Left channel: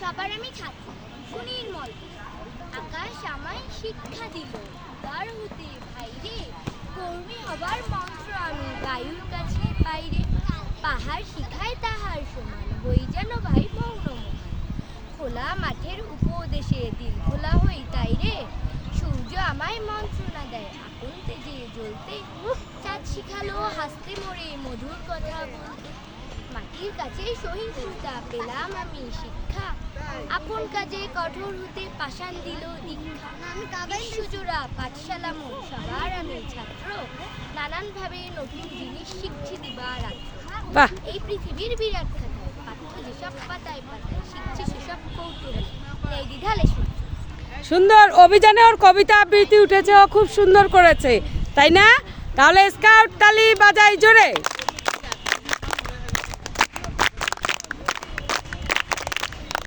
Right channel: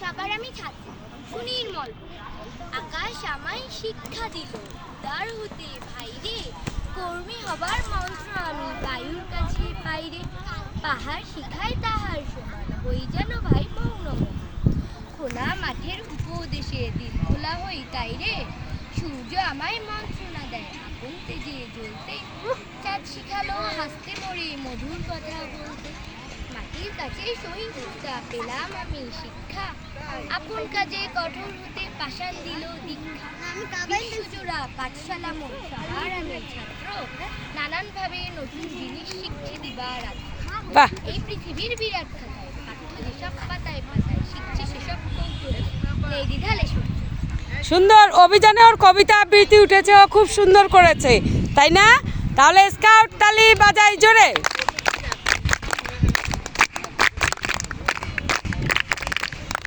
সবার আমি ছাত্র সুনির্মল আকাশ আমায় শিক্ষা দিল উদার হতে ভাইরে কর্মী হবার মন্ত্র আমি বায়ুর কাছে বাইরে পাহাড় শিখায় তাহার সমান হই যেন ভাই মৌন খোলা মাঠের উপদেশে দিল খোলা হই তাই রে সূর্য আমায় মন্ত্রণা দেয় আপন তেজে জ্বলতে চাঁদ শিখালো হাসতে মরে মধুর কথা বলতে মাটির কাছে সহিষ্ণুতা পেলাম আমি শিক্ষা আপন কাজে কঠোর হতে পাষাণ দিল দীক্ষা আমি সুজোড়া পাঠশালা মোট সবার আমি ছাত্র নানানভাবে নতুন জিনিস শিখছি দিবারাত্র এই পৃথিবীর বিরাট খাতায় পাঠ্য যেসব পাতায় পাতায় শিখছি সেসব কৌতুক নেই দ্বিধালে সুন্দর অভিযানে ওর কবিতা আবৃত্তি উঠেছে, ও খুব সুন্দর করেছে, তাই না? তাহলে স্কাউট তালি বাজাই জোরে।